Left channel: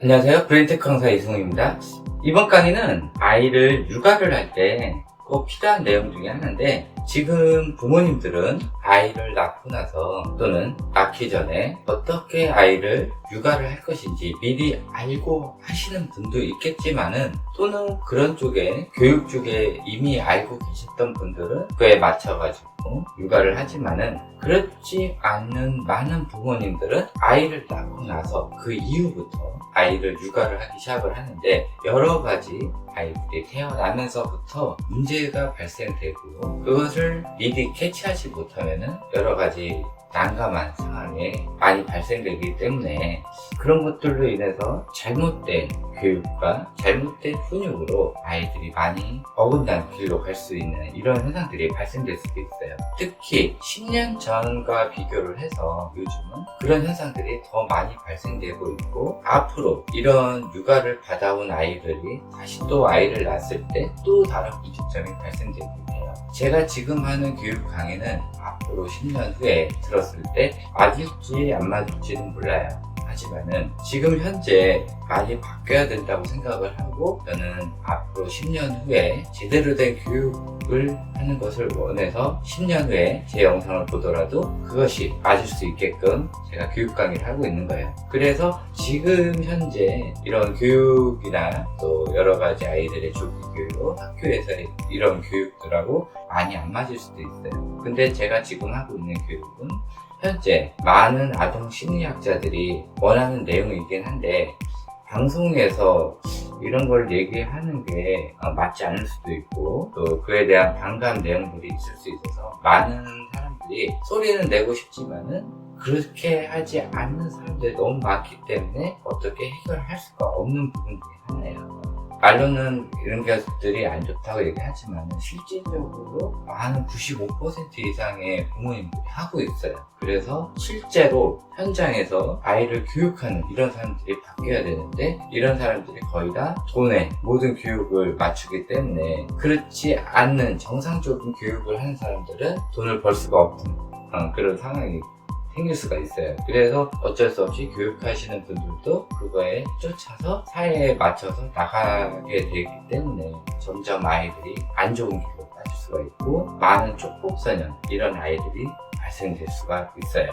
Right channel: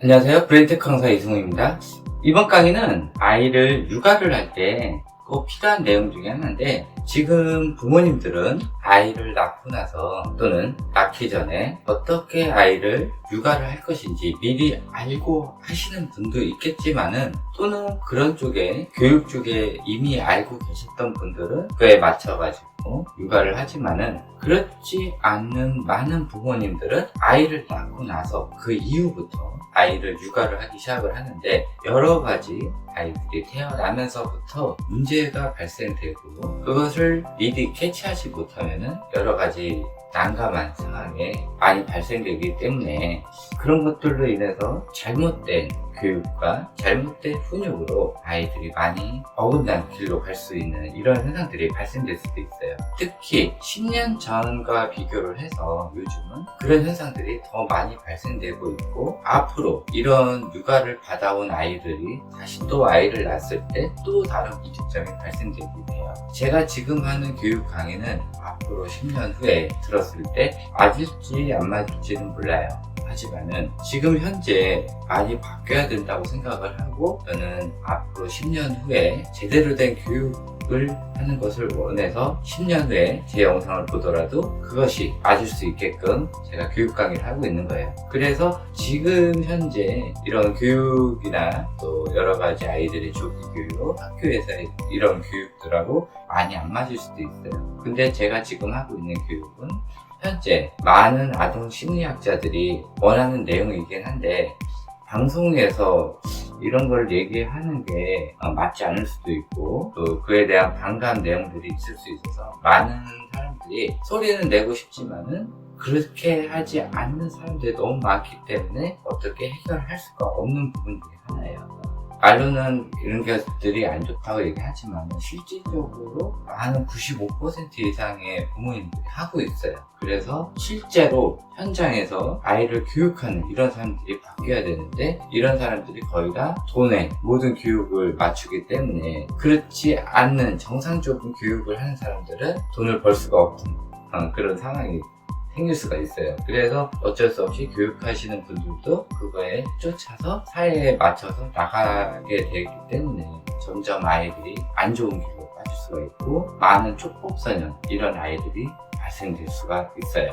안녕하세요. 브랜드 강사 이승우입니다. 이번 강의는 아이를 육아를 할 때 꼭 필요한 내용 중에 하나인데, 지금 부모님들은 아이를 낳고 나서 또는 낳기 전에 어떻게 아이를 육아를 할 것인지 미리 알고 하시는 분도 있겠지만은, 또는 그런 쪽에 교육 쪽에 이미 알고 계셨던 분들은 그에 맞춰가지고 육아를 하지만은, 그렇지 않는 많은 부모님들은 아이를 낳고 나서 그 이후부터 아이를 육아를 하기 시작을 하는데, 여러 가지 아이들이 태어나면서부터 문제가 발생되고, 그것을 미리 캐치하지 못하면은 여러 가지 난감한 상황에 많이 발생되기 때문에, 그런 것들로 인해서 잘못된 교육과 잘못된 훈육으로 아이들이 많이 어긋난 길로 갈 수 있는 이런 현상들이 발생될 수도 있어요. 특히 10년 전과 비교를 해서 요즘은 그런 현상들이 더 많이 발생되고 있고, 앞으로 이런 육아를 받아온 아이들이 다시 또 아이를 낳았을 때 또 다른 문제점이 발생되게 돼요. 제가 지금 하는 교육 강의는 앞으로 10년 후에 들었을 때 맞을지 안 맞을지는 몰라요. 하지만은 지금 현재 많이 바뀌어야 된다고 생각을 하고, 저는 앞으로 10년 후에 제대로 된 교육을 하는 것을 원해서 10년 후에 제 영상을 보더라도 그것이 맞을 수 있게끔 제가 교육 강의를 하고 있는 거예요. 그래서 지금 현재 이런 교육이나 또 여러 가지 아이들의 조기 교육, 학교에서의 이런 교육들하고 많이 안 맞을 수도 있어요. 근데 제가 지금 하고 있는 교육은 현재 많은 아동 심리학자들이 원하는 내용이긴 한데, 방송에서 이런 걸 얘기하는 게 맞지 않을 수도 있고, 또 그에 대한 반감 내용들이 있을 수 있어서 많은 사람들이 소리는 내고 싶지만은 그렇게 하지 않는 사람들이 너무 많기 때문에 어떻게 해결할 수가 없는 부분 중에 하나예요. 말로는 이런 것들이 안 좋다고 얘기하지만 실질적으로 많은 95% 이상의 부모님들이 하고 있어요. 그래서 실제로 현장에서 아이를 교육하는 이런 사람들이 바뀌어야 되는데, 이런 사람들이 거의 다 돈에 모든 교육을 맞추기 때문에, 그렇지 않는 정상적인 교육을 하는 사람들은 돈을 벌 수가 없는 그런 상황이 생길 수가 있어요. 그래서 어쩔 수 없이 교육하시는 분들도 그거에 쫓아서 사회에 맞춰서 나가게 되기 때문에 점점 아이들이 안 좋은 길로 빠질 수가 있고, 많은 촉법소년 이런 아이들이 발생될 수가 있어요.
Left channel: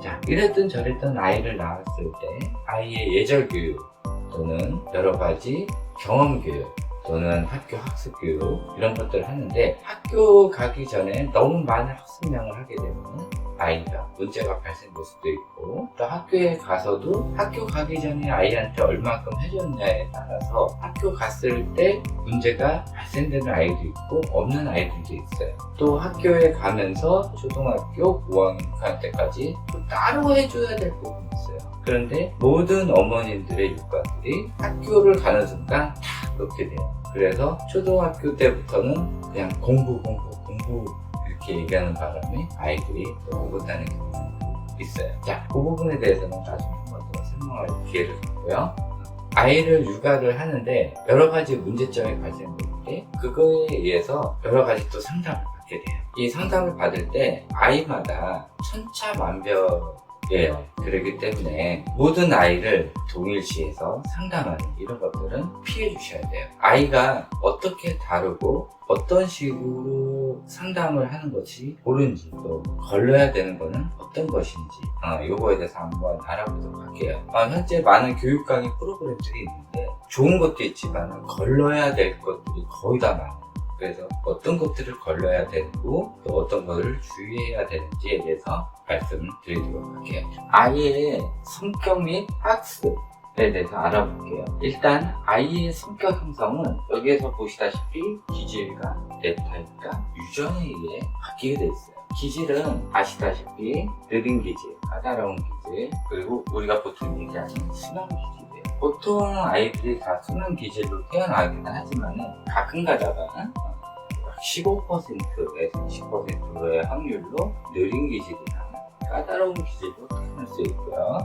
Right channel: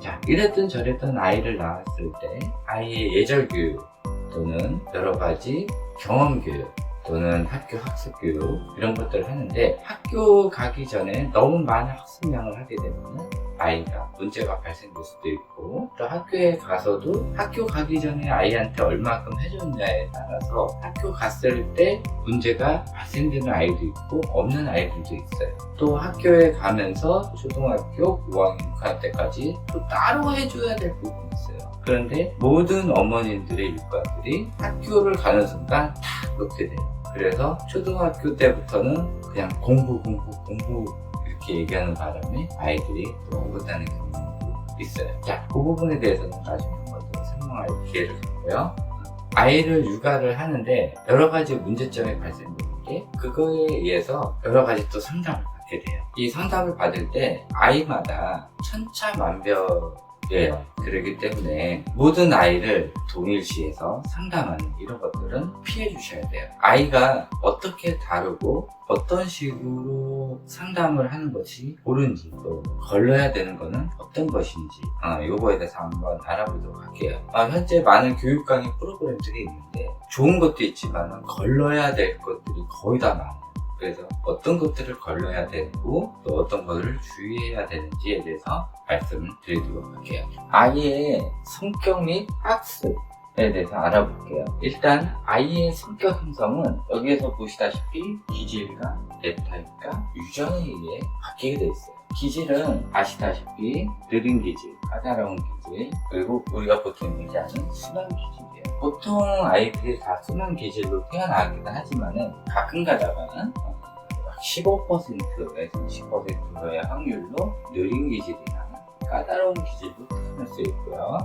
자, 이랬든 저랬든 아이를 낳았을 때 아이의 예절 교육 또는 여러 가지 경험 교육 또는 학교 학습 교육 이런 것들을 하는데, 학교 가기 전에 너무 많은 학습량을 하게 되면 아이가 문제가 발생될 수도 있고, 또 학교에 가서도 학교 가기 전에 아이한테 얼마큼 해줬냐에 따라서 학교 갔을 때 문제가 발생되는 아이도 있고 없는 아이들도 있어요. 또 학교에 가면서 초등학교 5학년 6학년 때까지 또 따로 해줘야 될 부분이 있어요. 그런데 모든 어머님들의 육아들이 학교를 가는 순간 다 그렇게 돼요. 그래서 초등학교 때부터는 그냥 공부 이렇게 얘기하는 바람에 아이들이 어긋나는 경우도 있어요. 자, 그 부분에 대해서는 나중에 한 번 더 설명할 기회를 갖고요. 아이를 육아를 하는데 여러 가지 문제점이 발생되는 게, 그거에 의해서 여러 가지 또 상담을 받게 돼요. 이 상담을 받을 때 아이마다 천차만별이에요. 그렇기 때문에 모든 아이를 동일시해서 상담하는 이런 것들은 피해 주셔야 돼요. 아이가 어떻게 다루고 어떤 식으로 상담을 하는 것이 옳은지, 또 걸러야 되는 거는 어떤 것인지 요거에 대해서 한번 알아보도록 할게요. 현재 많은 교육 강의 프로그램들이 있는데 좋은 것도 있지만 걸러야 될 것들이 거의 다 많아요. 그래서 어떤 것들을 걸러야 되고 또 어떤 것들을 주의해야 되는지에 대해서 말씀을 드리도록 할게요. 아이의 성격 및 학습에 대해서 알아볼게요. 일단 아이의 성격 형성은 여기에서 보시다시피 기질과 랩타입과 유전에 의해 바뀌게 되어 있어요. 기질은 아시다시피 느린 기질, 까다로운 기질, 그리고 우리가 보통 얘기하는 순한 기질이에요. 보통 아이들이 다 순한 기질로 태어나기는 하지만은 가끔 가다가 15%에서 20%의 확률로 느린 기질이나 까다로운 기질로 태어날 수 있고요.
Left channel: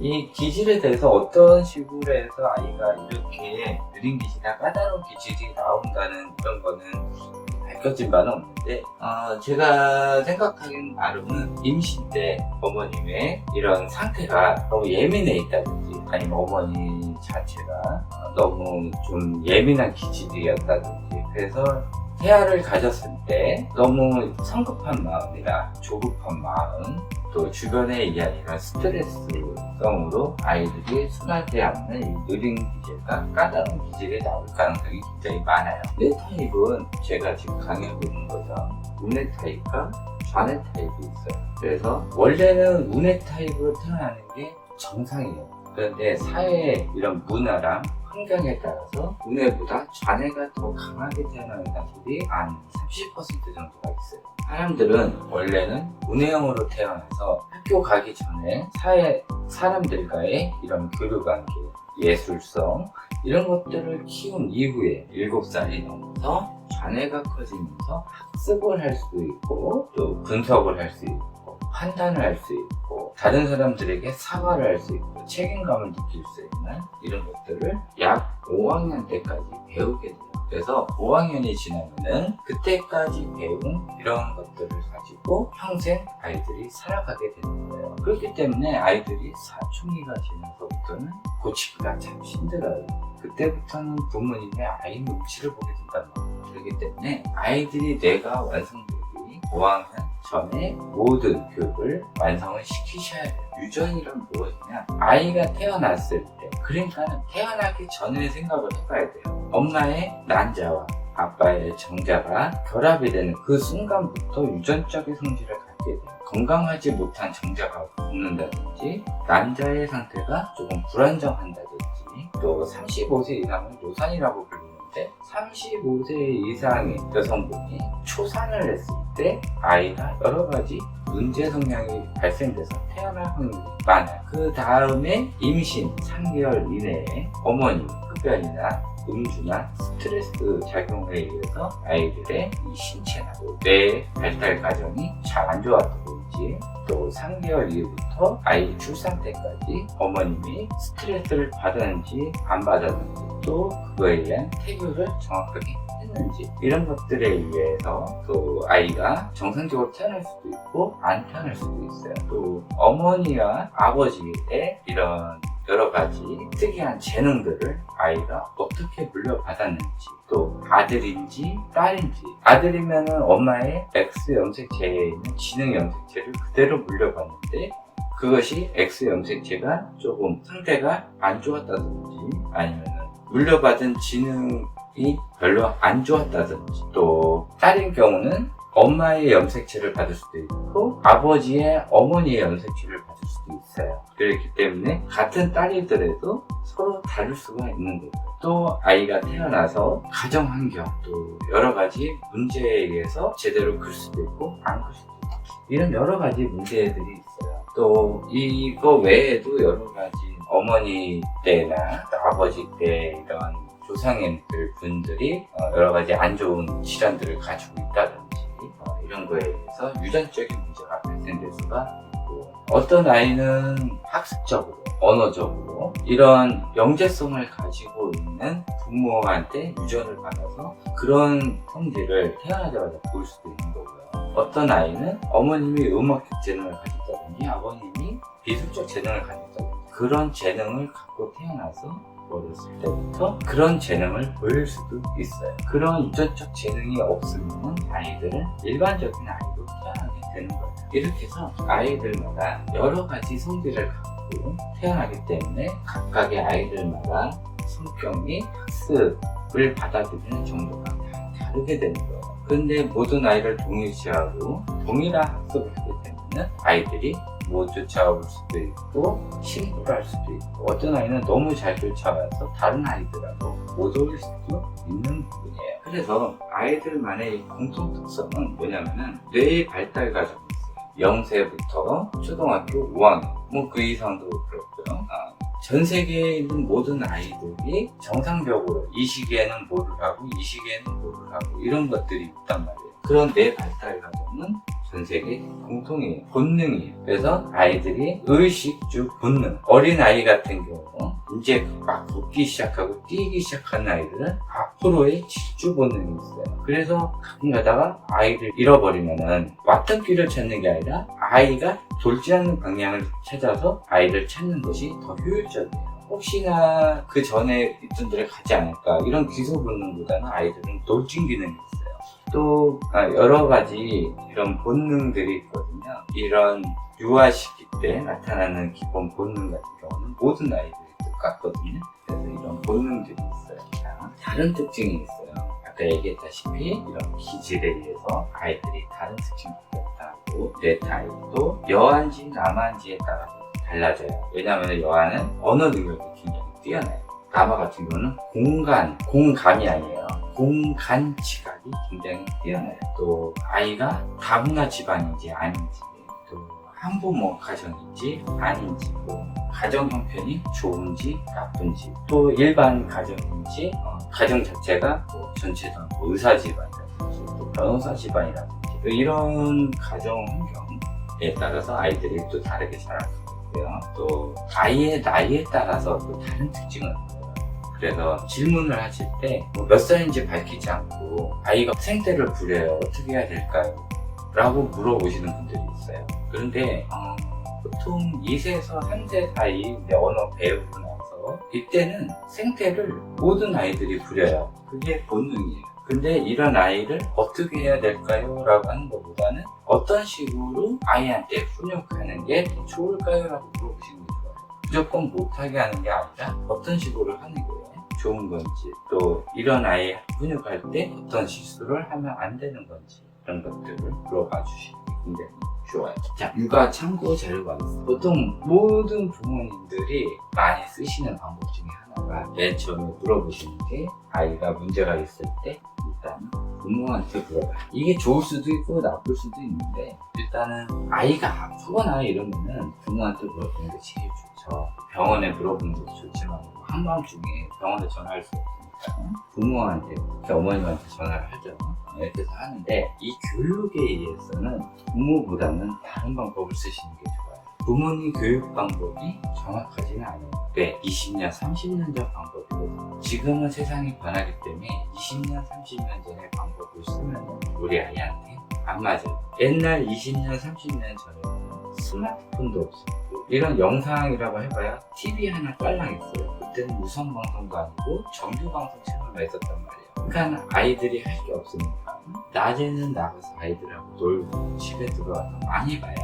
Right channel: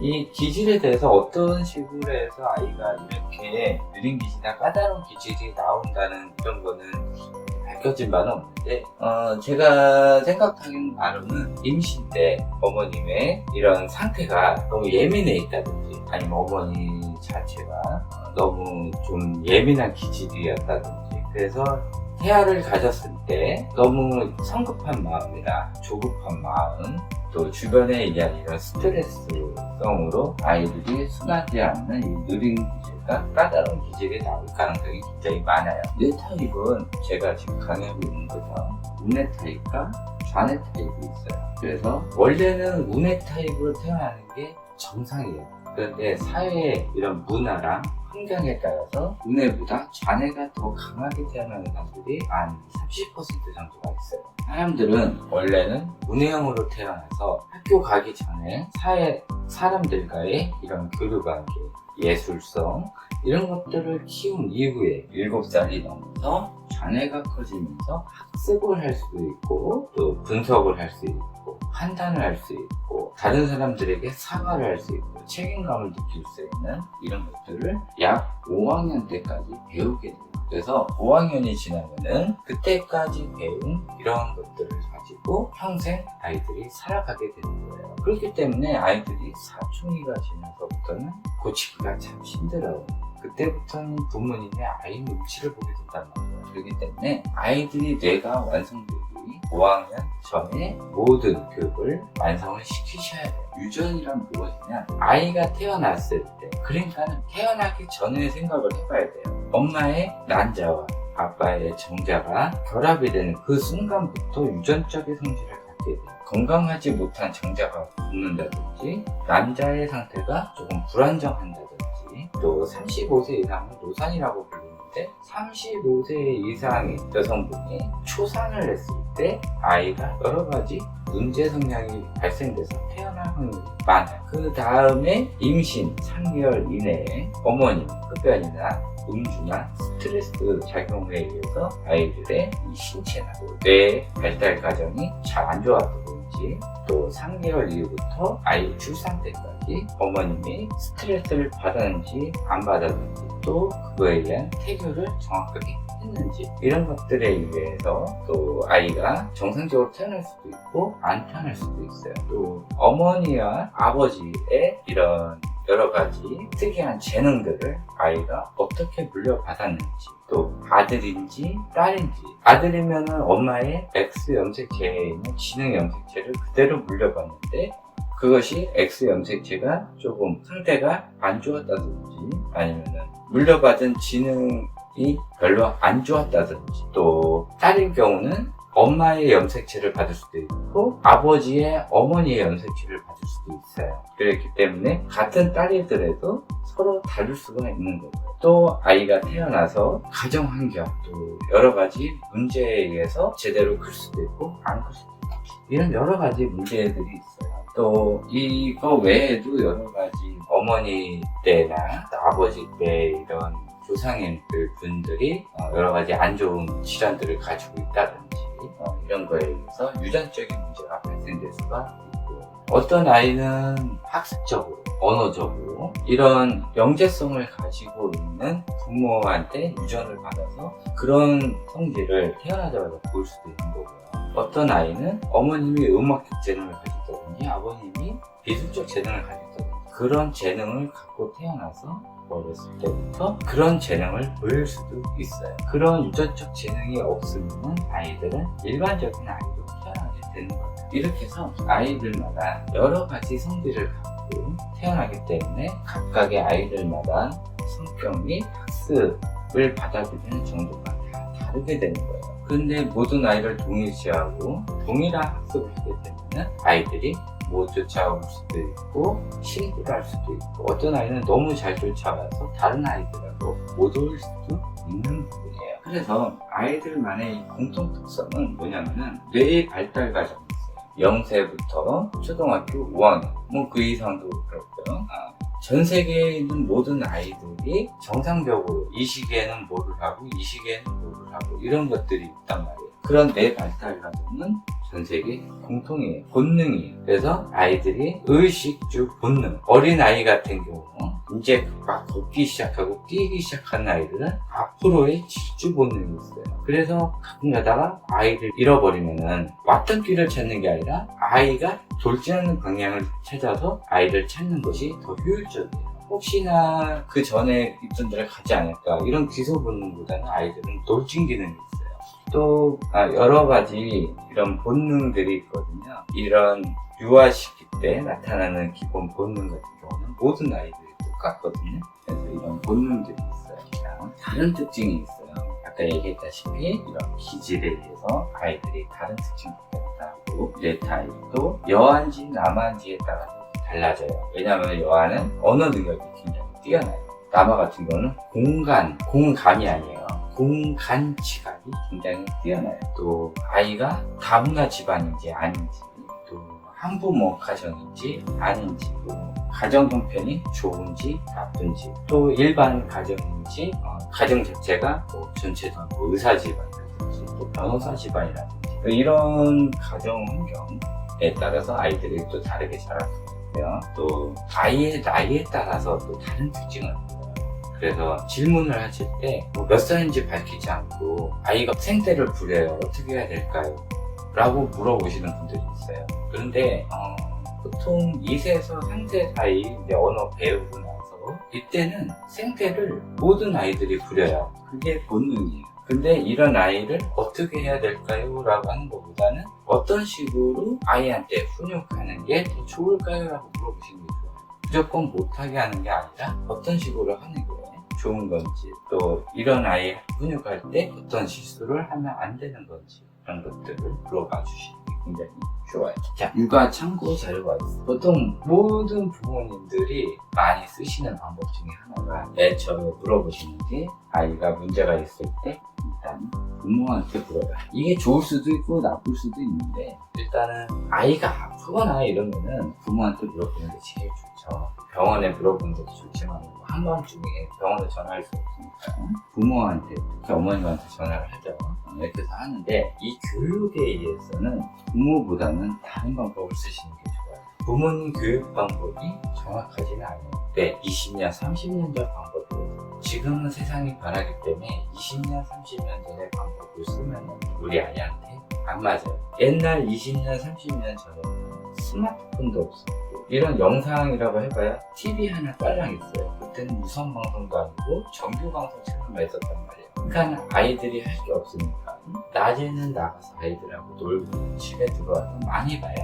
이 기질에 대해서 어떤 식으로 해서 아이가 이렇게 느린 기질이나 까다로운 기질이 나온다는 그런 거는 밝혀진 바는 없는데, 제가 생각하기는 바로는 임신 때 어머님의 이런 상태가 너무 예민해 있다든지, 아니면 어머니 자체가 너무 좀 예민한 기질이었다든지, 그래서 태아를 가졌을 때 너무 성급한 마음이나 조급한 마음, 또 주변에 의한 이런 스트레스성으로 아이들이 순하지 않는 이 느린 기질과 까다로운 기질이 나올 가능성이 굉장히 많아요. 뇌 타입은 제가 지금 강의하고 있는 거죠. 운해 타입과 좌뇌 타입이 있어요. 그래서 원래는 운해 타입으로 태어나는 게 정상이에요. 그런데 사회의 이런 문화랑 환경에 따라서 운해보다 좌뇌가 더 강하게 태어나는 사람들이 한 30% 정도가 있어요. 사람들은 원래는 운해형으로 태어나서 학교 가기 전에 사람들과의 이런 교류관계, 예술성 이런 것들을 키운 이후에 7살이 넘어서 좌뇌가 커지면서 학습을 할 수도 있고, 또 분석을 할 수 있고, 판단을 할 수 있고, 다른 사람들에게 사과를 할 수 있고, 책임감을 느낄 수 있는 이런 것들을 약 5학년 때까지 배우게 돼요. 그래서 5학년이 지나면은 그때까지 배운 이런 것들을 가지고 평생 아이들이 살아가게 되는 거예요. 그렇기 때문에 아이들이 사춘기가 지나서부터는 고치기가 참 힘들어요. 그때부터는 부모님의 아이 눈치를 보게 된단 말이에요. 그렇기 때문에 아이들이 뇌가 완성되기 5학년 전에 모든 교육을 완성을 시키셔야 돼요. 유전이란 무엇이냐? 아이가 태어났을 때, 그러니까는 태어나기 전에 생각을 해봐야 돼요. 엄마의 난자와 아빠의 정자가 결합이 되는 그 순간부터 유전적인 성질을 갖게 돼요. 건강하지 못한 정자가 붙는다든지, 남자의 상태가 조금 불안정한다든지, 또 35세 이상은 노산이라고 불리는데, 35세 이상의 여성분이 초산을 했을 때 아이가 여러 가지 문제 성향이 발생돼서 태어날 확률이 많아요. 그 다음에 임신 3개월 이내에 어머니 흡연이나 음주나 스트레스 작용에 의해서 아이들의 이 신체나 뇌 발달 과정이 잘 안 좋았다든지, 또 3개월 이후부터 아이 출산 때까지 어머님이 스트레스를 받았는지 안 받았는지, 또 그거에 의한 태교를 정확하게 했는지, 이런 것들에 의해서 또 아이가 정상적으로 태어날 수도 있고 안 태어날 수도 있어요. 또 어머니와 아버지의 이런 여러 가지 특이한 재능들을 아이가 어떻게 물려받았는지, 또 아들인지 딸인지, 아들이면은 엄마의 X 염색체에 있는 지능 염색체를 그대로 물려받는데, 그것이 X 염색체가 조금 상태가 안 좋았다든지, 아니면은 물려받은 지능이 별로 안 좋았다든지, 또 딸인 경우는 엄마의 염색체를 받을 수도 있고 아버지의 어머니의 염색체를 받을 수도 있어요. 그렇기 때문에 같은 딸이더라도 서로 다를 수가 있는 거고요. 또 아이가 태어나서 가정 환경, 또 여러 가지 문제에 의해서 제대로 클 수도 있고 안 클 수도 있고, 이런 여러 가지 문제들이 있어요. 또 이거 외에도 여러 가지 어머니 때나 아버지 때 이런 조상님들 분들이 여러 가지 안 좋은 질환들을 가지고 있다든지, 이런 거에 의해서 유전적인 문제가 발생될 수가 있고, 어떤 아이는 학습적으로, 언어적으로 이런 영재성을 가지고 있는 부모한테 유전을 받아서 그런 성질을 태어나자마자 보일 수도 있는 거고요. 어떤 아이는 어머님이 음악적 재능을 가졌다든지 아버님이 미술적 재능을 가졌다든지, 그런 재능을 갖고 태어나서 어렸을 때부터 그런 재능을 보일 수도 있어요. 그런 유전적 재능이 없으면 아이들은 일반적인 아이로 태어나게 되는 거예요. 이렇게 해서 아이들마다 여러 가지 성질을 갖고 태어나기 때문에 각각의 아이들마다 성격이 학습을 받아들이는 정도가 다 다르게 되는 거예요. 근데 모든 아이를 동일시하고 동일한 학습을 하게 되면 아이들이 못 쫓아올 수도 있고 신고를 할 수도 있고, 어떤 아이는 너무 잘 쫓아와서 다른 아이들하고 못 어울릴 수도 있는 부분이에요. 그래서 아이들만의 공통 특성은 뭐냐면은 뇌의 발달 과정이 있어요. 0세부터 초등학교 5학년, 그 이상도 그렇고요. 전 세계에 있는 모든 아이들이 정상적으로 이 시기에는 뭐를 하고 이 시기에는 뭐를 하고 이런 것들이 있단 말이에요. 그런 뇌 발달 과정은 전 세계 공통이에요. 본능이에요. 그래서 아이들이 의식주 본능, 어린아이 같은 경우는 이제 막 걷기 시작하고 뛰기 시작한 아이들은 앞으로의 질주 본능이 있어요. 그래서 가끔 가다가 아이를 잃어버리면은 왔던 길을 찾는 게 아니라 아이가 돌지 않는 방향을 찾아서 아이를 찾는 것이 더 효율적이에요. 혹시나 그 전에 있던 데를 가지 않을까 이런 기소 본능보다는 아이들은 돌진 기능이 있어요. 또 여러 가지 이런 본능들이 있거든요. 이런 유아 시기 때 나타나는 기본 본능 같은 경우는 모든 아이들이 똑같거든요. 그래서 이런 본능들이 있어요. 자, 다른 특징이 있어요. 아까 얘기했다시피 이런 기질에 의해서 아이들이 다른 특징들이 있다고 뇌 타입도 여아인지 남아인지에 따라 달라져요. 왜냐하면 여아는 언어 능력이 굉장히 뛰어나요. 남아 같은 경우는 공감이 아니에요. 공간 지각이 굉장히 뛰어나요. 또 아이가 다문화 집안인지 아닌지, 또 한부모 가정인지 아닌지, 또 가정 형편이 좋은지 나쁜지, 또 일반 가정인지, 가정 자체가 뭐 전체도 뭐 의사 집안이라든지, 또 변호사 집안이라든지, 이런 가정 환경에 따라서 아이들이 또 다르게 자라고 또 아이의 나이에 따라서 또 다른 특징을 보여요. 그래서 질문을 하실 때 몇 살인지 밝히지 않고 아이가 생떼를 부려요. 어떻게 해야 될까요? 라고 물어보시는 분들이 있어요. 그런데 보통 2세에서 3세 사이 이제 언어 배우고 나서 이때는 생떼를 모든 아이들이 부려요. 그게 본능이에요. 근데 이런 아이를 어떻게 해야 될까요? 라고 하는 것보다는 어떤 식으로 아이한테 훈육하는 게 좋을까요? 라고 물어보시는 게 좋아요. 무조건 못하게 하는 게 아니라 어떤 식으로 하는 게 좋은 건지, 또 이런 아이 훈육할 때 어떤 실수를 하면 안 되는 건지, 이런 것들을 물어봐 주시는 게 굉장히 좋아요. 자, 육아 참고 자료가 있어요. 보통 모든 부모님들이 많이 쓰시는 방법 중에 하나가 맨 처음에 물어보시는 게 아이가 문제가 있을 때 일단 부모한테 물어봐요. 이게 좋을 수도 있고 나쁠 수도 있는데 일단은 아이가 아프거나 이러면은 부모한테 물어보는 게 제일 좋죠. 병원에 물어보는 것도 좋지만 한밤중에 병원에 전화할 수 없으니까 부모한테, 어머님한테 전화를 하죠. 이렇게 해서 하는데 이 교육에 의해서는 부모보다는 다른 방법을 쓰시는 게 좋아요. 부모님 교육 방법이 정확하지는 않아요. 네, 20년, 30년 전 방법이에요. 지금은 세상이 변하기 때문에 20년, 30년 전의 방법을 쓰면 우리 아이한테 안 맞아요. 옛날 20년, 30년 전에는 스마트폰도 없었고 이런 영상이라고 해봐야 TV 하나 깔랑 있어요. 그때는 무선방송도 아니고 정규방송 채널만 있었단 말이에요. 그러니까 아이들이 할 게 없으니까 낮에는 나가서 아이들하고 놀고 집에 들어와서 많이 봐야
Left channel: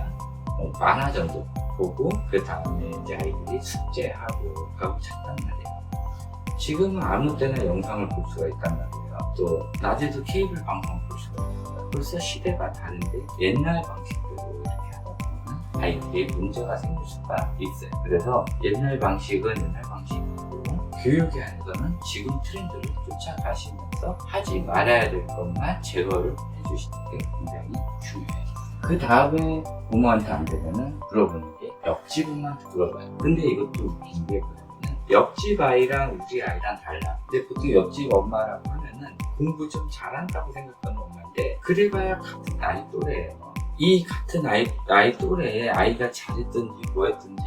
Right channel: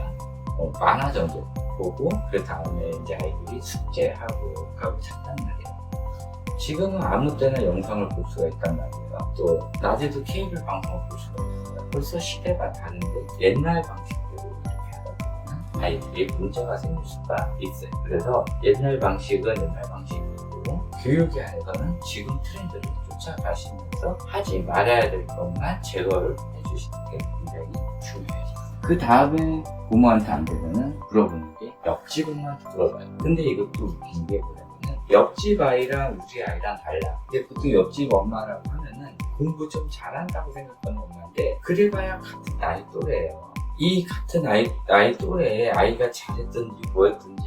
만화 정도 보고 그 다음에 이제 아이들이 숙제하고 가고 잤단 말이에요. 지금은 아무 때나 영상을 볼 수가 있단 말이에요. 또 낮에도 케이블 방송을 볼 수가 있어요. 벌써 시대가 다른데 옛날 방식대로 이렇게 하다 보면 아이들이 문제가 생길 수가 있어요. 그래서 옛날 방식은 옛날 방식이고 교육에 한해서는 지금 트렌드를 쫓아가시면서 하지 말아야 될 것만 제거를 해주시는 게 굉장히 중요해요. 그 다음에 부모한테 안 되면은 물어보는 게 옆집 엄마한테 물어봐요. 근데 이것도 웃긴 게 뭐냐면은 옆집 아이랑 우리 아이랑 달라. 근데 보통 옆집 엄마라고 하면은 공부 좀 잘한다고 생각하는 엄마인데 그래봐야 같은 나이 또래예요. 이 같은 나이 또래에 아이가 잘했든지 뭐했든지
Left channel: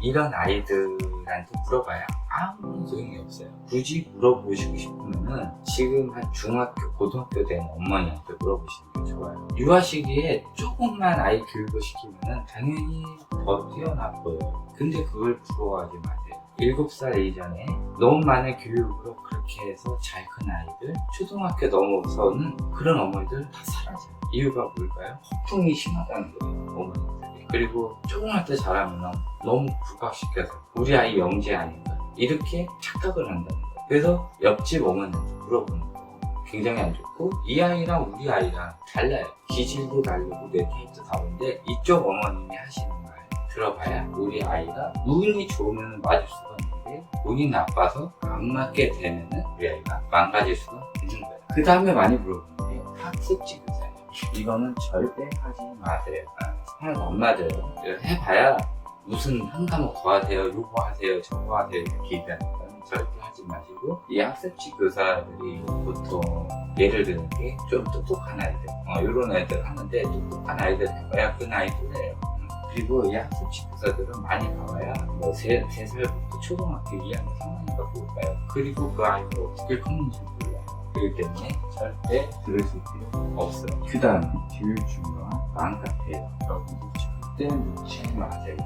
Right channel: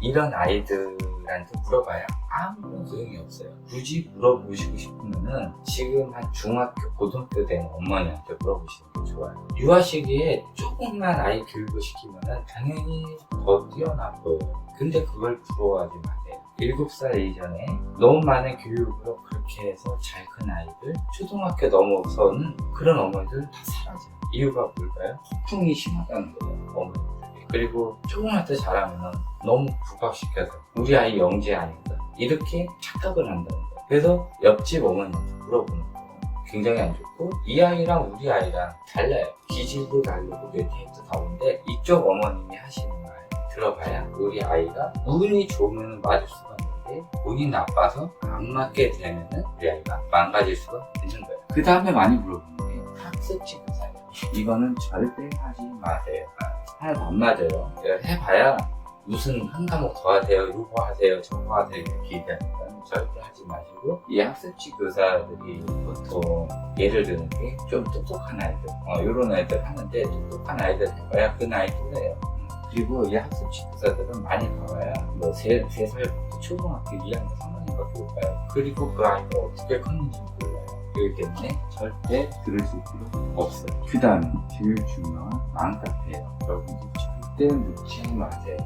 이런 아이들한테 물어봐야 아무런 소용이 없어요. 굳이 물어보시고 싶으면은 지금 한 중학교, 고등학교 된 어머니한테 물어보시는 게 좋아요. 유아 시기에 조금만 아이 교육을 시키면은 당연히 더 뛰어나 보여요. 근데 그걸 부러워하지 마세요. 7살 이전에 너무 많은 교육으로 그렇게 해서 잘 큰 아이들, 초등학교 넘어서는 그런 어머니들 다 사라져요. 이유가 뭘까요? 폭풍이 심하다는 거예요, 어머니들이. 그리고 조금만 더 잘하면 너무 부각시켜서 우리 아이 영재 아닌가 이렇게 착각을 한다는 거예요. 그래서 옆집 어머니한테 물어보는 거 굉장히 안 좋고 이 아이랑 우리 아이랑 달라요. 기질도 다르고 뇌 타입도 다른데 이쪽 어머님이 하시는 말 들어봐야 우리 아이가 운이 좋으면 맞을 수가 있는데 운이 나빠서 안 맞게 되면은 우리 아이가 망가질 수가 있는 거예요. 그 다음에 많이 물어보는 게 학습지 교사예요. 이거는 절대 하지 마세요. 하나도 안 맞아요. 해봐야 무슨 한 과목 더 하세요, 요거 하세요, 저거 하세요 이렇게 기대하니까 절대 하지 마시고 이 학습지 교사들이 보통 예를 드는 게 좀 똑똑한 아이들 이런 애들 하는데 똑똑한 아이들 해봐야 그 나이 또래예요. 그리고 이 학습지 교사들은 많이 가봐야 뭐 3살부터 초등학교 2학년 3학년밖에 못 가요. 그리고 그 아이가 어떻게 컸는지 몰라요. 그렇기 때문에 절대 들으실 필요 없어요. 그 다음 제일 중요한 맘카페예요. 여러분들 절대 묻지 마세요.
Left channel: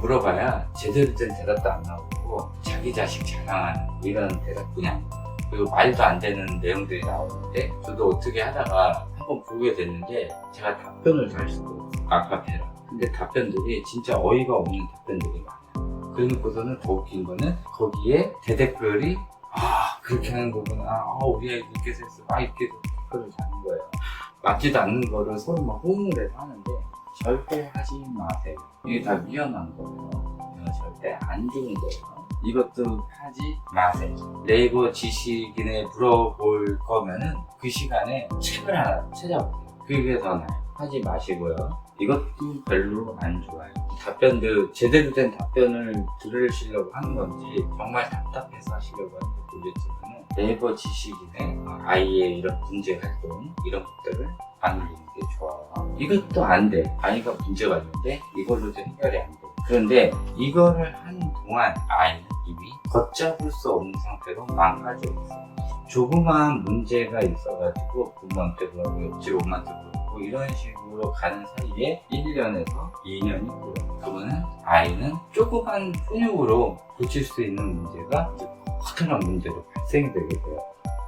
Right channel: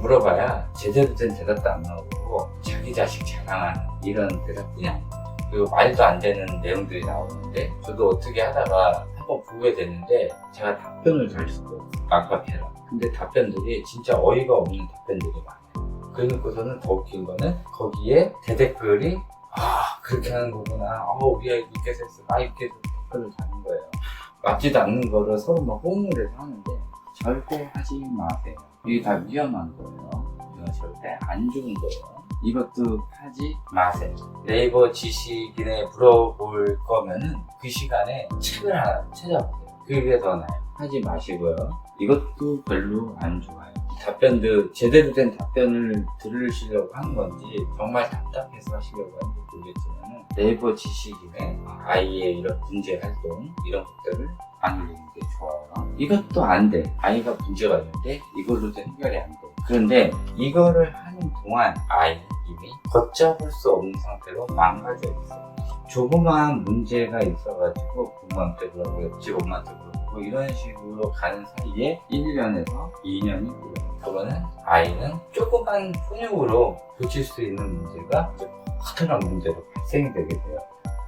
물어봐야 제대로 된 대답도 안 나오고 가지고 자기 자식 자랑하는 이런 대답뿐이 아니에요. 그리고 말도 안 되는 내용들이 나오는데 저도 어떻게 하다가 한번 보게 됐는데 제가 답변을 달 수가 없어요. 아카페라. 근데 답변들이 진짜 어이가 없는 답변들이 많아요. 그러고서는 더 웃긴 거는 거기에 대댓글이 그렇게 하는 거구나. 우리 아이 이렇게 했어. 이렇게 댓글을 다는 거예요. 맞지도 않는 거를 서로 막 호응을 해서 하는데 절대 하지 마세요. 이게 다 위험한 거예요. 이거 절대 안 좋은 거예요. 이것도 하지 마세요. 네이버 지식인에 물어볼 거면은 그 시간에 책을 하나 찾아보세요. 그게 더 나아요. 하지 마시고요. 이것도 별로 안 좋아요. 답변도 제대로 된 답변을 들으시려고 하는 건지 정말 답답해서 하시려고 하는지 모르겠지만 네이버 지식인의 아이의 이런 문제 활동 이런 것들을 안 올리는 게 좋아요. 이것도 안 돼. 아이가 문제가 있는데 이걸로도 해결이 안 돼. 그런데 이거를 하는 동안 아이는 이미 걷잡을 수 없는 상태로 망가져 있어요. 조그마한 문제가 있어가지고 부모한테 그러고 옆집 엄마한테 그러고 이런 식으로 가는 사이에 1년에서 2년이 흘러요. 그러면은 아이는 조그만 훈육으로 고칠 수 있는 문제가 이제 커다란 문제로 발생이 되게 돼요.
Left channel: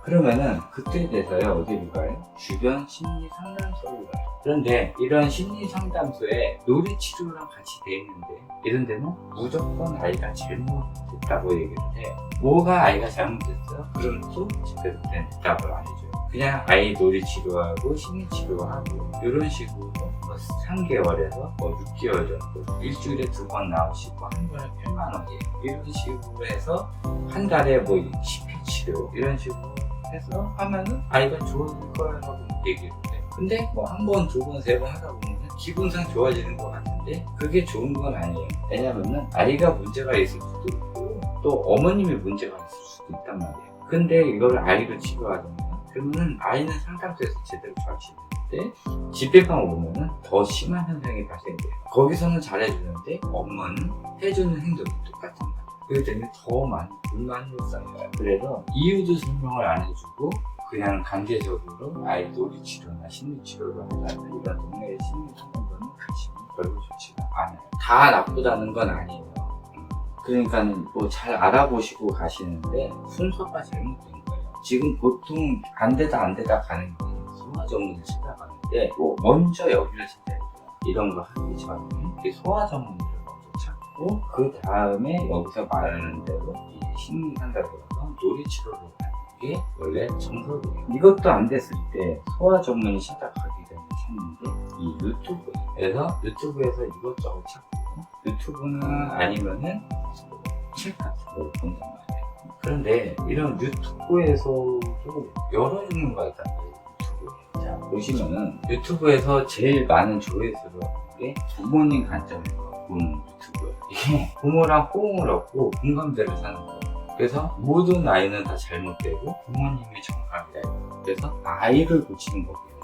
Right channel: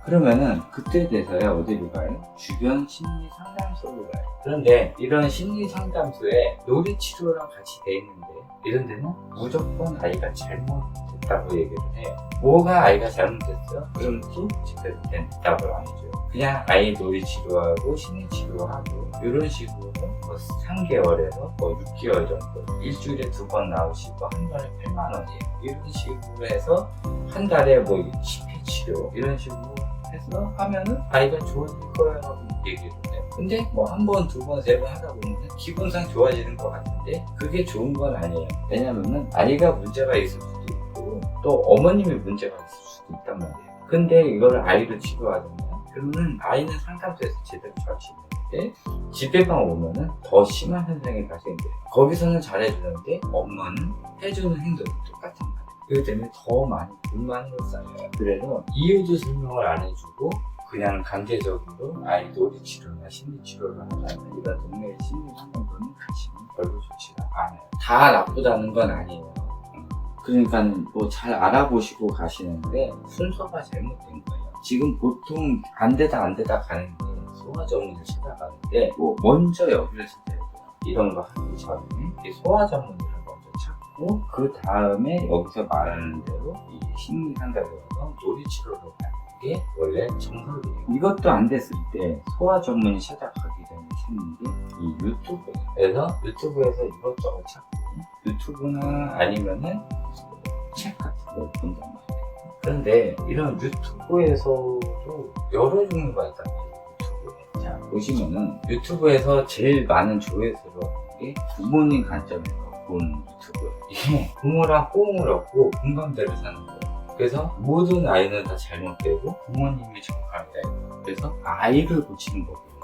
그러면은 그때 돼서야 어디로 가요? 주변 심리 상담소로 가요. 그런데 이런 심리 상담소에 놀이치료랑 같이 돼 있는데 이런 데는 무조건 아이가 잘못됐다고 얘기를 해요. 뭐가 아이가 잘못됐어요? 그럼 또 제대로 된 답을 안 해줘요. 그냥 아이 놀이치료하고 심리치료하고 이런 식으로 뭐 3개월에서 뭐 6개월 정도 일주일에 2번 나오시고 한 달에 8만 원이에요. 이런 식으로 해서 한 달에 뭐 10회 치료 이런 식으로 해서 하면은 아이가 좋아질 거라고 얘기를 해요. 근데 뭐 한 번, 두 번, 세 번 하다 보면 기분상 좋아지는 것 같은데 그게 좋은 건 아니에요. 왜냐면은 아이가 문제가 있을 수도 있고 또 어머님이 문제가 있을 수도 있단 말이에요. 근데 이거를 아이를 치료하잖아요. 그러면은 아이는 상담소에서 제대로 잘 치료하는데 집에만 오면은 더 심한 현상이 발생돼요. 거기서는 잘해주는데 엄마는 해주는 행동이 똑같단 말이에요. 그렇기 때문에 더 많이 불만이 쌓여요. 그래서 이유도 설명을 안 해주고 그냥 강제적으로 아이 놀이치료나 심리치료를 한다는 이런 동네의 심리상담소는 가시면 별로 좋지가 않아요. 다 나쁘다는 건 아니에요. 그러니까 뭐 잘 알아보시고 가시는데 순서가 잘못된 거예요. 지금 보통 안 되다 가는 게 소아 전문을 찾아가는데 뭐 먼저 여기를 찾아야 돼요. 이런 거 하기 전에 소아 전문을 먼저 찾고 그 다음에 여기서 말하는 대로 이 심리 상담소에서 놀이치료를 가는 게 원래 정석이에요. 이것도 안 됐을 때 소아 전문의 찾아가기 전에 찾는 게 이 유튜브에서 이것저것 찾고 유튜브나 아니면은 책 같은 걸 본단 말이에요. 그런데 이런 유튜브에서도 여러 종류가 있단 말이에요. 유튜브에. 자, 보시면은 유튜브에서 제일 많은 조회수를 얻는 게 부모님 관점에서 보는 유튜브예요. 이게 부모랑 호응을 얻고 공감대를 사는 거예요. 그래서 모든 아이는 다 잘못되고 부모님이 정답이다. 그래서 아이를 고치는 거거든요.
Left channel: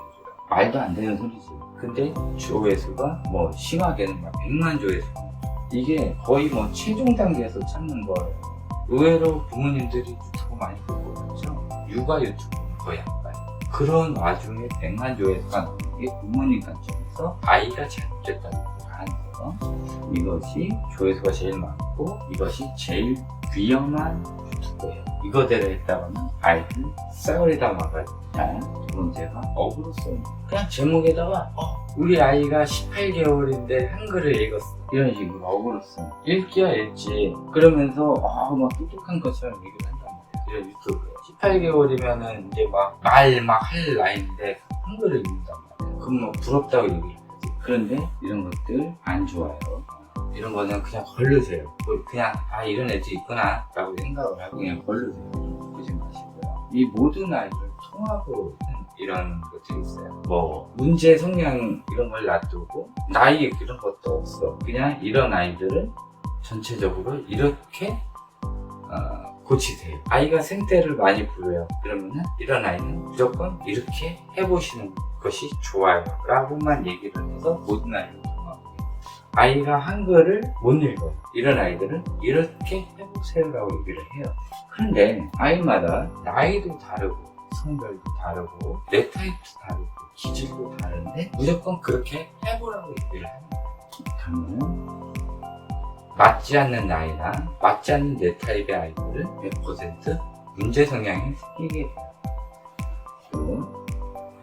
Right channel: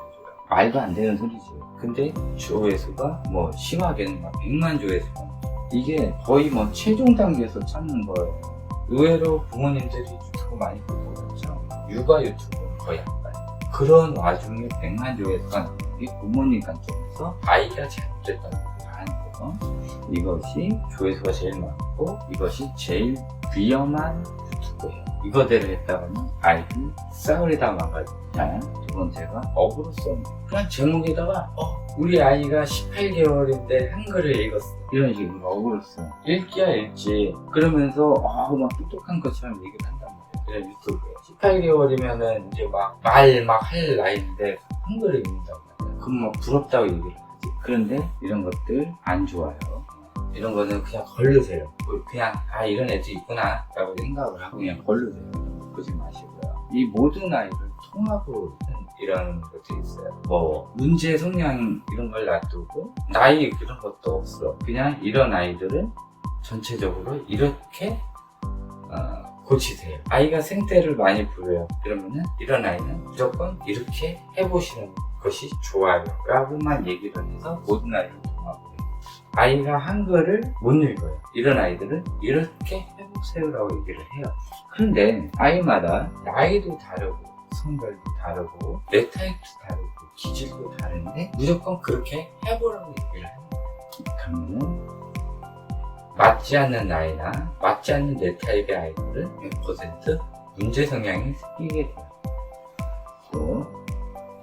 말도 안 되는 소리죠. 근데 조회수가 뭐 심하게는 막 100만 조회수가 이게 거의 뭐 최종 단계에서 찾는 거예요. 의외로 부모님들이 유튜브 많이 보고 그렇죠? 육아 유튜브는 거의 안 봐요. 그런 와중에 100만 조회수가 나오는 게 부모님 관점에서 아이가 잘못됐다는 얘기를 하는 거죠. 이것이 조회수가 제일 많고 이것이 제일 위험한 유튜브예요. 이거대로 했다가는 아이들 싸우리다 막아요. 자, 두 번째가 어그로성. 그냥 제목에다가 우리 아이가 18개월인데 한글을 읽었어. 이런 식으로 어그로성. 읽기야 읽지. 그러면서 막 똑똑한 것처럼 얘기를 한단 말이에요. 유튜브에. 18개월이면은 이제 막 할 나이인데 한글을 읽는단 말이에요. 그럼 막 부럽다고 얘기를 하지. 그런데 이런 것들 안 좋아요. 이런 거는 그냥 걸르세요. 그냥 이런 애들 있구나 라고 생각을 하고 그냥 걸르세요. 그러지 마시고요. 이 모든 아이를 통합으로 이런 것들이 있어요. 뭐 문제 성향 이런 걸 놔두고 나이 이런 것도 없어. 그냥 이런 아이들은 전체적으로 이렇게 고치세요. 아이가 생떼를 많이 부려요. 그러면은 이런 아이는 무조건 이렇게 해보시는 것이 좋아요 라고만 얘기를 해서 모든 아이를 통합해요. 아이가 한글을 못 읽어요. 이런 아이들은 이렇게 해보세요 라고 얘기를 해요. 그런데 아이마다 나이도 다르고 성별도 다르고 뇌 타입도 다르고 기질도 다른데 무조건 그렇게 해보라고 얘기를 하는 거예요. 그러면 맞지 않는 나이나 맞지 않는 내 타입의 아이들은 100% 문제 성향이 생기게 돼요. 또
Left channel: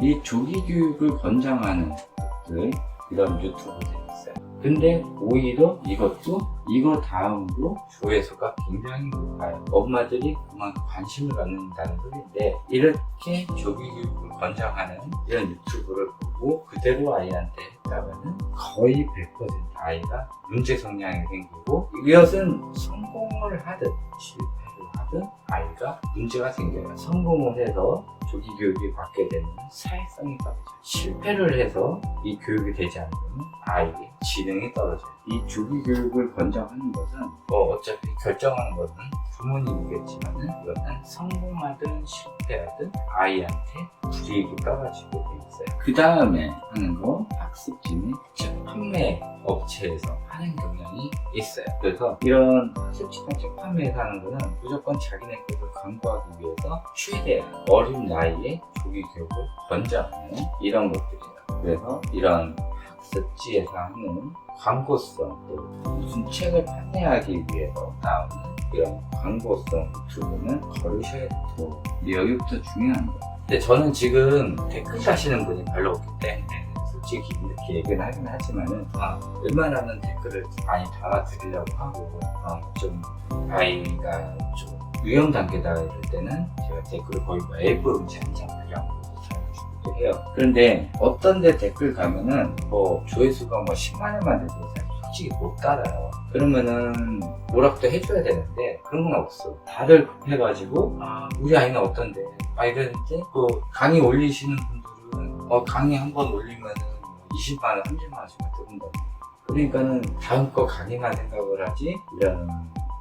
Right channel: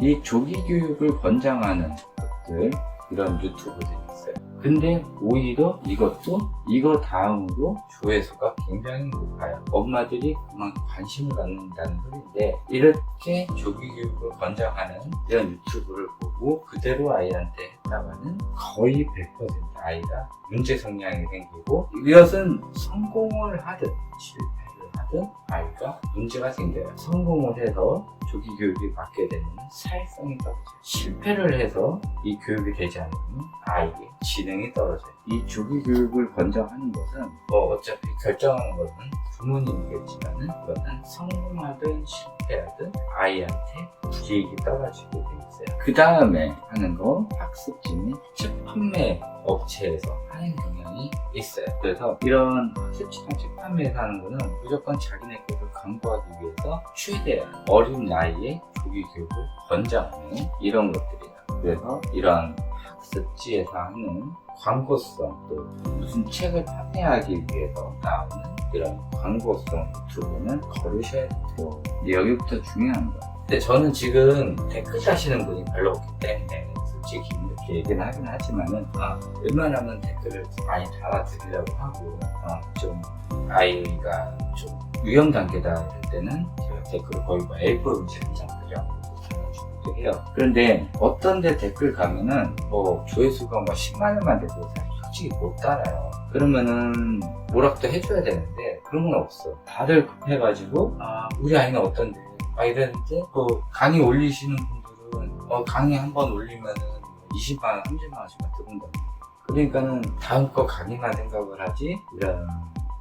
이 조기 교육을 권장하는 것들, 이런 유튜브들이 있어요. 근데 오히려 이것도 이거 다음으로 조회수가 굉장히 높아요. 엄마들이 그만 관심을 갖는다는 소리인데, 이렇게 조기 교육을 권장하는 이런 유튜브를 보고 그대로 아이한테 했다가는 거의 100% 아이가 문제 성향이 생기고, 이것은 성공을 하든 실패를 하든 아이가 문제가 생겨요. 성공을 해서 조기 교육이 받게 되면 사회성이 떨어져요. 실패를 해서 이 교육이 되지 않으면 아이의 지능이 떨어져요. 이 조기 교육을 권장하는 것은 어차피 결정하는 것은 부모님이겠지만은, 이것은 성공하든 실패하든 아이한테 불이익이 떨어지게 돼 있어요. 그 다음에 하는 거, 학습지는 책 판매 업체에서 하는 경향이 있어요. 그래서 이런 학습지나 책 판매에서 하는 거는 무조건 자기네 것을 광고하기 위해서 최대한 어린 나이에 조기 교육을 권장하는 이런 것들이에요. 그래서 이런 학습지에서 하는 광고성, 또 무슨 책을 판매하기 위해서 나오는 이런 광고성 유튜브는 거르셔야 돼요. 여기부터 중요한 거. 근데 저는 지금 댓글 다시는 분이 별로 없기 때문에 솔직히 이렇게 얘기는 하긴 하지만은 웬만하면 댓글을 많이 달아드리려고 하고, 좀 아이가 좀 위험 단계다 이럴 때는 제가 댓글을 거의 뭐 A4 용지 한 장 그냥 달아주기도 해요. 그런데 어떤 데 댓글 가면은 뭐 조회수가 뭐 10만원만 돼도 솔직히 못 달아요. 그러면은 뭐라도 해줘야 되는데 그런 건 없어. 다들 급해가지고 우리 아이는 어떤데 이러는데, 뭐 강의 올리시는 분들은 강의 한 번 올리면은 20만원 30만원씩만 들어온다. 그러니까는 다음 거 강의만 생각을 하지 이런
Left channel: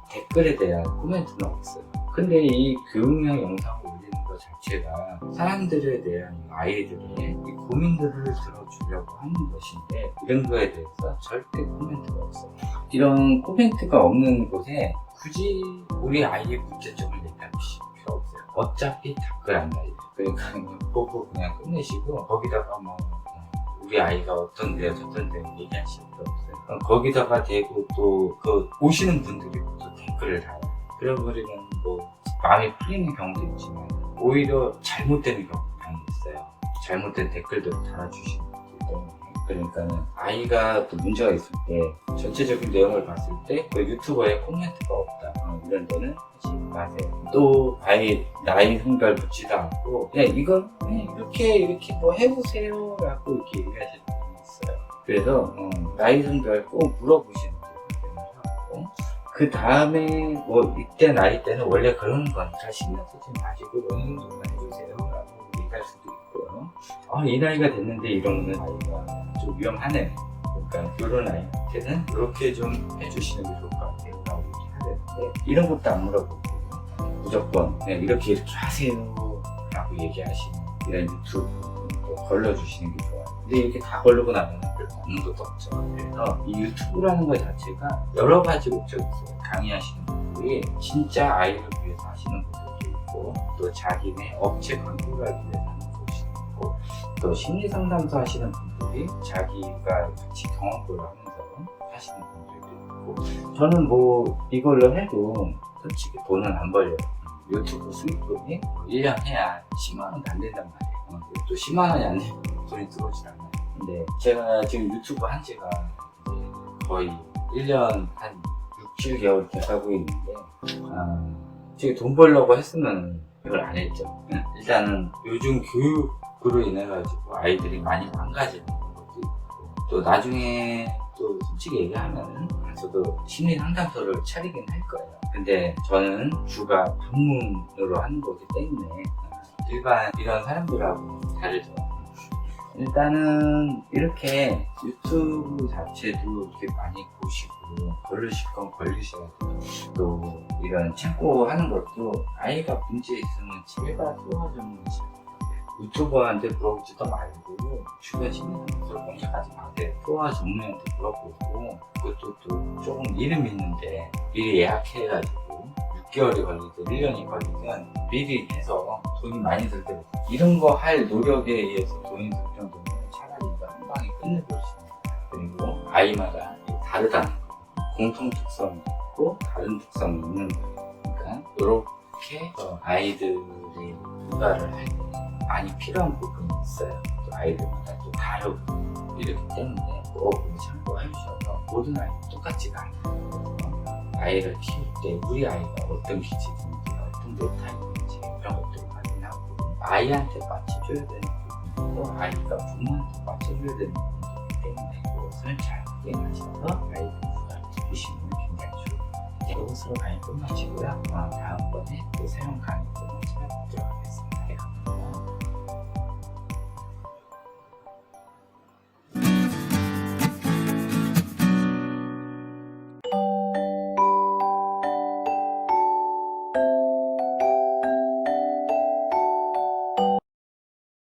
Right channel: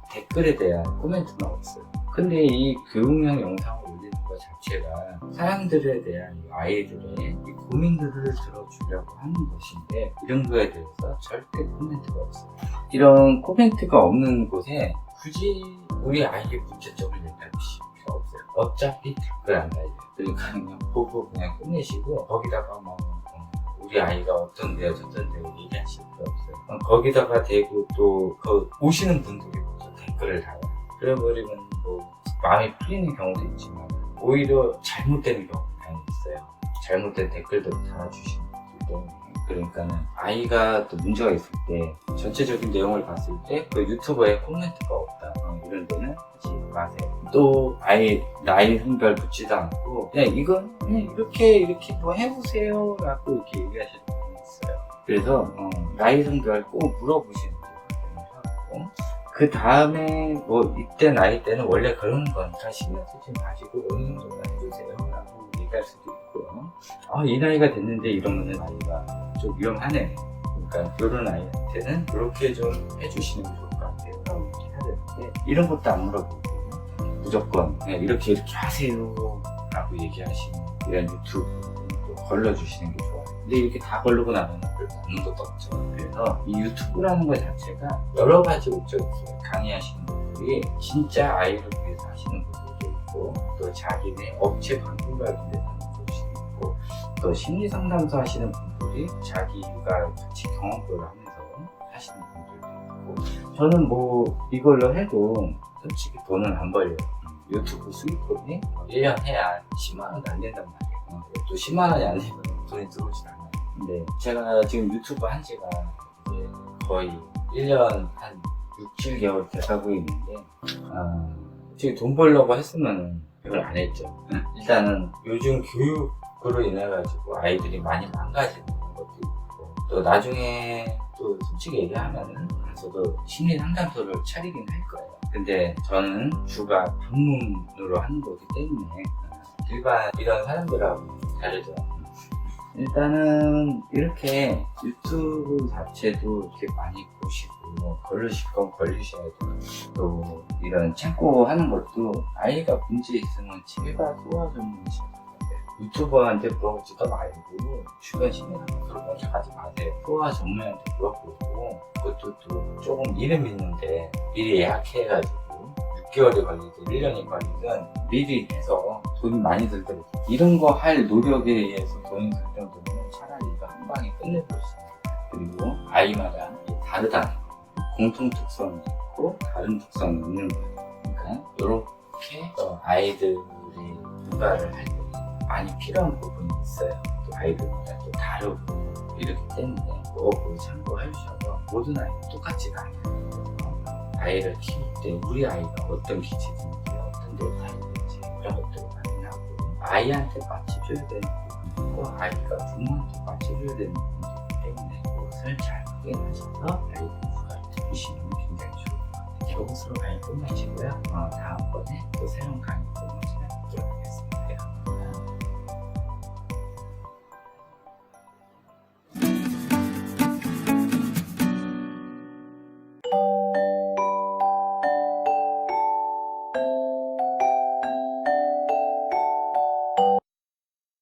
댓글에 대한 코멘트는 없어요. 근데 이 교육용 영상을 올리는 것 자체가 사람들에 대한 아이들의 이 고민들을 들어주려고 하는 것인데, 이런 거에 대해서 절대 코멘트가 없어요. 이런 코멘트가 없는 곳에 굳이 우리 아이의 문제점을 얘기할 필요 없어요. 어차피 답글 안 달려요. 그러니까 그냥 보고 그냥 끝내시고, 거기다가 뭐 우리 아이가 어떤데요 저떤데요 얘기하실 필요 없어요. 거기다가 대고 또 그 오시는 분들이 또 댓글을 달아요. 그래버리면 뭐 마음이 풀리는 경우도 있지만 오히려 잘못되는 경우가 많이 있어요. 잘못된 댓글도 달아주시는 분들 때문에. 그러니까는 아이가 또 문제가 있을 때 전체적인 내용을 봤을 때 그 유튜버에 코멘트가 없다 이런 데는 하지 마세요. 또 아이 나이 성별 묻지도 않고 그냥 이건 그냥 이렇게 뭐 해보세요 라고 이렇게 얘기하시는 분이 있어요. 그래서 나이 성별 꼭 물어보시는 게 하고, 그 다음에 뭐 이때 나이 때는 원래 그런 거니까 신경 쓰지 마시고 어느 정도만 해주세요 라고 얘기할 수도 있고요. 이 나이가 됐는데 이러면은 아이가 좀 위험하네. 그러니까 이런 아이한테는 이렇게 좀 해주시는 게 좋을 것 같아요. 라고 얘기해야 되는데, 이런 것도 안 물어보고 무조건 그냥 이렇게 하세요 라고 얘기하시는 이런 유튜브도 걸러주시는 게 좋아요. 근데 이렇게 다 걸르고 나면 별로 없는 것도 없죠. 그래서 이 유튜브라는 것 자체가 여러 가지 목적이 있어요. 강의하시는 분들이 진짜 아이를 위해서 하시는 분들도 있고, 또 자기네 업체 광고를 하기 위해서 하는 분들도 있고, 또 심리상담소 하시는 분들이 자기가 같이 경험을 하면서 하시는 분들도 있고, 저는 뭐 이걸로 해도 솔직히 돈은 안 벌려요. 유튜브 수익금이 1년 해야 10만원도 안 된단 말이에요. 또 10만원이 안 되면 돈이 들어오질 않아요. 근데 제가 지금 유튜브 한 지가 이제 거의 1년 한 6, 7개월 돼가고 있는데, 지금 돈 벌려고 했으면 그걸 안 했죠. 일단은 요즘 교육으로 인해가지고 아이들이 많이 망가지는 것도 있고, 또 나중에 또 솔직히 얘기하면은 저도 심리 상담소를 차리긴 할 거예요. 근데 저는 주가 방문으로 하는 거기 때문에 일반 이런 사람들하고 다르죠. 일단은 이렇게 유튜브 자체도 이렇게 많이 보시고 걸리실 건 걸리셔야 돼요. 또 이런 참고하는 것도 아이가 문제 있으면 제발 도와주시면 유튜버한테 물어보지도 말고 주변 심리상담소를 먼저 가지 마세요. 소아 전문의한테 물어보고, 그것도 또 조금 이름 있는데 미리 예약해가지고 6개월이 걸리든 1년이 걸리든 미리 해서 돈이 많이 들더라도 이런 거 할 노력에 의해서 돈이 들 정도면 차라리 이거 한 방에 끝내버리시는 거예요. 그리고 아이마다 다르다는 거 공통 특성이 있고 다른 특성이 있는 거예요. 그러니까 이렇게 아이들의 육아를 할 때 많이 필요한 부분이 있어요. 또 아이들마다 또 다르고 이렇기 때문에 꼭 참고해 주셔서 모든 아이는 똑같지가 않아요. 아이를 키울 때 우리 아이가 어떤 기질인지 어떤 타입인지 이런 것들을 확인하고 아이한테 맞춰줘야 되는 부분이고 아이가 부모한테 맞춰줘야 되는 부분이기 때문에 그것을 잘 확인하셔서 아이들 육아를 해주시면 굉장히 좋을 것 같아요. 이것으로 강의 끝마치고요. 다음번에 또 새로운 강의